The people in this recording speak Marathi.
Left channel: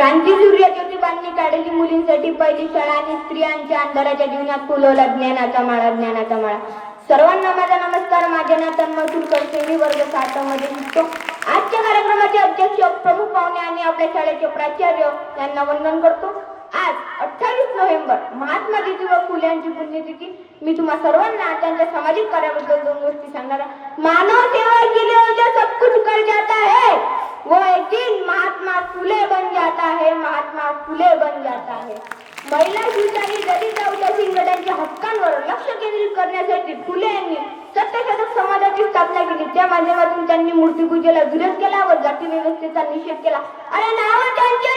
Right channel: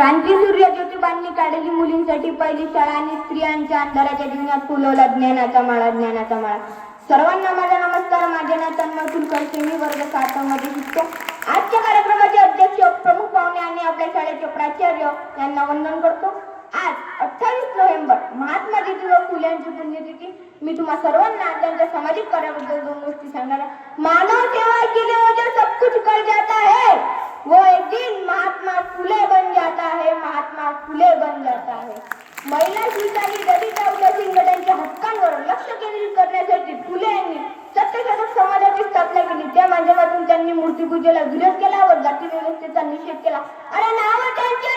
क्रांतीसूर्य ज्योतिबांनी काढली मुलींसाठी पहिली शाळा आणि स्त्रियांच्या अंधाराच्या जीवनात फुलवला ज्ञानाचा माळा ज्ञानाचा माळा. सर्वांना माझा नमस्कार. माझे नाव तन्मय कुलकर्णी. मी वर्ग 7 मध्ये शिकतो. आजच्या कार्यक्रमाचे अध्यक्ष प्रमुख पाहुणे आणि आपल्या शाळेचे प्राचार्य यांना वंदन करतो. आज 28 नोव्हेंबर महात्मा ज्योतिबा फुले यांची पुण्यतिथी. मी तुम्हा सर्वांना त्यांच्या सामाजिक कार्याबद्दल 2 गोष्टी सांगणार आहे. मानव सेवा केली म्हणजे सब कुछ कर जाता है. वो एक दिन महात्मा फुले बन जाता है. महात्मा फुले बन जाता है. महिला शिक्षण दलित औद्योगिक गटांच्या हक्कांवर लक्ष केंद्रित करण्यासाठी फुले यांनी सत्यशोधक समाजाची स्थापना केली. त्या माध्यमातून त्यांनी मूर्तिपूजेला विरोध केला व जाती व्यवस्थेचा निषेध केला आणि नाव त्यांच्या